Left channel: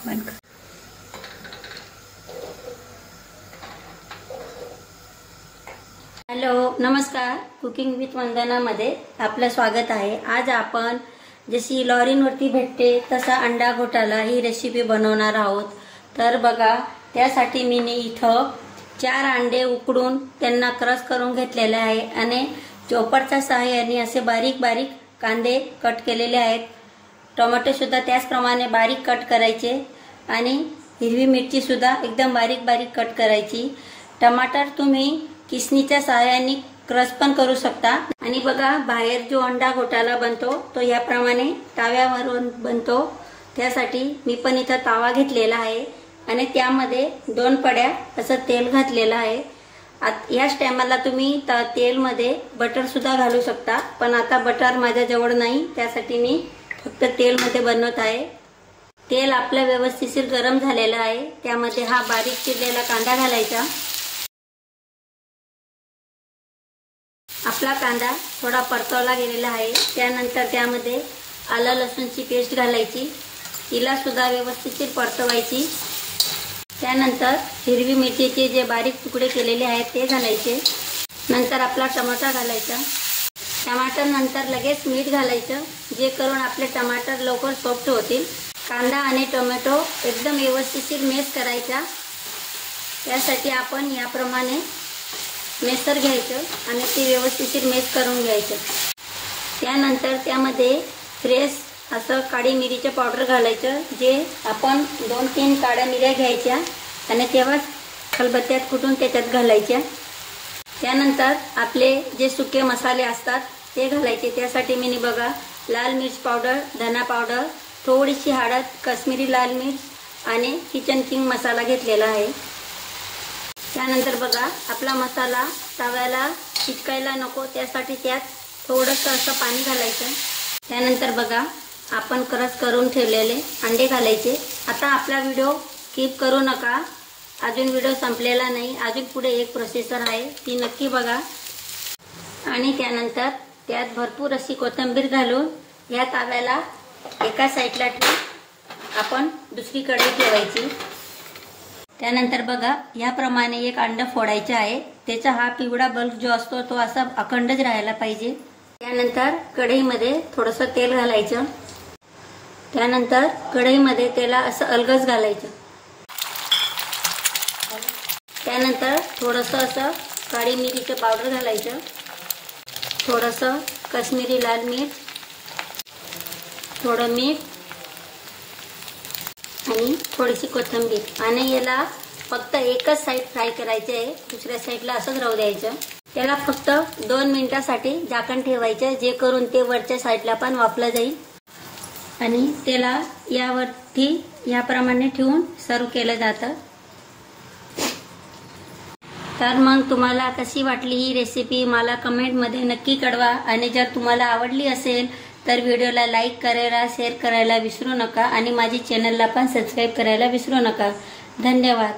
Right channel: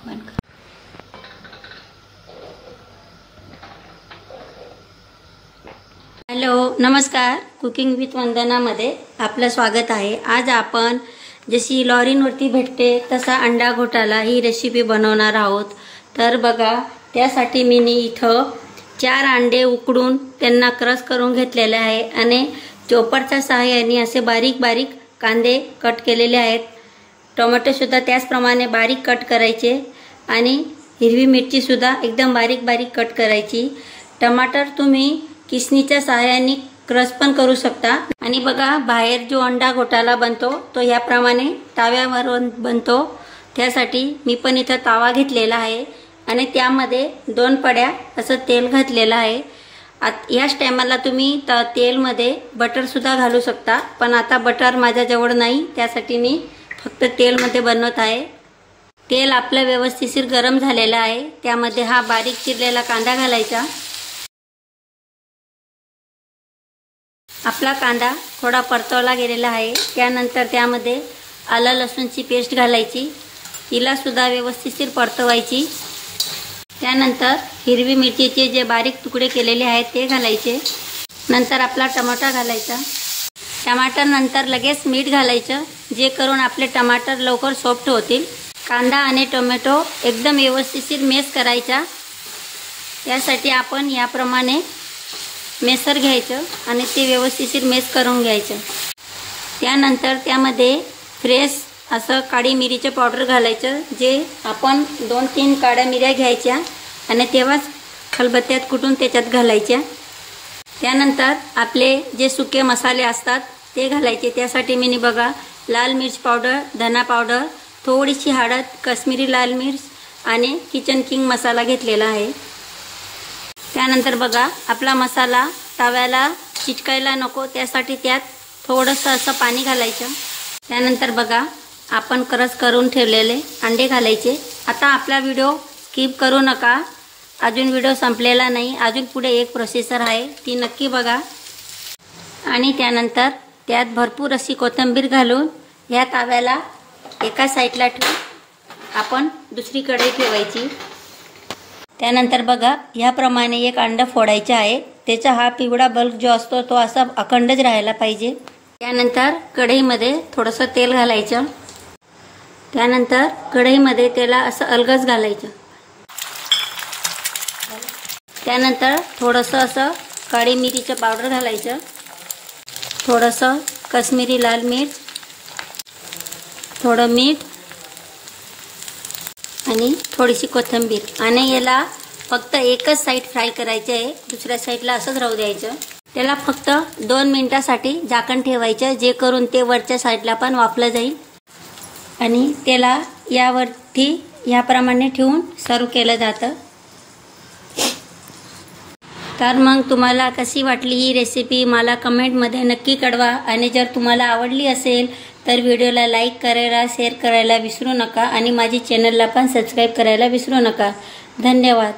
Hello, नमस्कार. Cooking with वंदनामध्ये आपलं स्वागत आहे. आज आपण जशी लॉरींवरती भेटते तसा अंडा घोटाला ही रेसिपी बनवणार आहोत. तर बघा, त्यासाठी मी इथं 4 अंडे उकडून त्यांना क्रश करून घेतलेले आहे आणि चॉपरच्या सहाय्याने असे बारीक बारीक कांदे कट केलेले आहेत. टोमॅटो सुद्धा त्याचप्रमाणे बारीक कट करायचे आणि हिरवी मिरची सुद्धा एकदम बारीक बारीक कट करायची. टमाटर तुम्ही किसणीच्या सहाय्याने क्रश पण करू शकता. आणि बघा, बाहेर जो अंडा घोटाला बनतो तो याप्रमाणे तव्यावरून बनतो. त्यासाठी मी पण इथं तवा घेतलेला आहे आणि त्यामध्ये 2 पड्या असं तेल घातलेलं आहे. याच टायमाला तुम्ही तेलमध्ये बटर सुद्धा घालू शकता, पण आता बटर माझ्याजवळ नाही, त्यासाठी मी फक्त तेलमध्ये बनवत आहे. तेल आपलं व्यवस्थित गरम झालेलं आहे. त्यामध्ये हा बारीक चिरलेला कांदा घालायचा. आपला कांदा थोडा परतवला गेलेला आहे. त्यानंतर त्यामध्ये आलं लसूणची पेस्ट घालायची, तिला सुद्धा व्यवस्थित परतवायची. त्यानंतर हिरवी मिरचीचे जे बारीक तुकडे केलेले आहेत ते घालायचे. नंतर आपला टमाटा घालायचा. टमाटर नंतर लगेच मीठ घालायचं, जे करून आपले टमाटर लवकर सॉफ्ट होतील. कांदा आणि टोमॅटो एकदम व्यवस्थित मॅश करायचा. यासाठी आपण याप्रमाणे मेसर घ्यायचं आणि ते व्यवस्थित मॅश करून घ्यायचं. त्यानंतर त्यामध्ये फ्रेश असं काळी मिरीचं पावडर घालायचं, जे आपण 2-3 काळ्या मिऱ्या घ्यायच्या आणि तेव्हाच खलबत्त्यात कुटून त्याच्यात घालायच्या. त्यानंतर आपले जे सुके मसाले असतात ते घालायचे. त्यासाठी मी बघा, लाल मिर्च पावडर, धना पावडर, थोडीशी हळद, काश्मीरी लाल मिर्च आणि किचन किंग मसाला घेतलेला आहे. त्यानंतर बघा, आपला मसाला तव्याला चिटकायला नको, त्यासाठी त्यात थोडंसं असं पाणी घालायचं. त्यानंतर बघा, आपण क्रश करून ठेवलेले अंडे घालायचे. आता आपला व्हिडिओ स्किप करू नका, अजून व्हिडिओ संपलेला नाही, अजून पुढे एक प्रोसेसर आहे, ती नक्की बघा. आणि त्यानंतर त्यात भरपूर अशी कोथिंबीर घालून ह्या तव्याला एका साईडला ठेवून आपण दुसरी कढई ठेवायची. त्यानंतर बघा, याप्रमाणे एक अंडा फोडायचा आहे. त्याचा हा पिवळा बल्ब जो असतो तो असा अखंडच राहायला पाहिजे. त्यानंतर कढईमध्ये थोडंसं तेल घालायचं. त्यानंतर कढईमध्ये त्याला असं अलगद घालायचं. त्यानंतर थोडंसं असं काळी मिरीचं पावडर घालायचं, थोडंसं काश्मीरी लाल मिर्च, थोडं मीठ आणि थोडीशी कोथिंबीर. आणि याला फक्त एकच साईड फ्राय करायचं आहे, दुसऱ्या साईडला असंच राहू द्यायचं. त्याला फक्त 2 मिनिटासाठी झाकण ठेवायचं, जे करून ते वरच्या साईडला पण वाफलं जाईल. आणि त्याला यावरती याप्रमाणे ठेवून सर्व केलं जातं. तर मग तुम्हाला कशी वाटली ही रेसिपी मला कमेंटमध्ये नक्की कळवा. आणि जर तुम्हाला आवडली असेल तर व्हिडिओला लाईक करायला, शेअर करायला विसरू नका आणि माझी चॅनलला पण सबस्क्राईब करायला विसरू नका. धन्यवाद.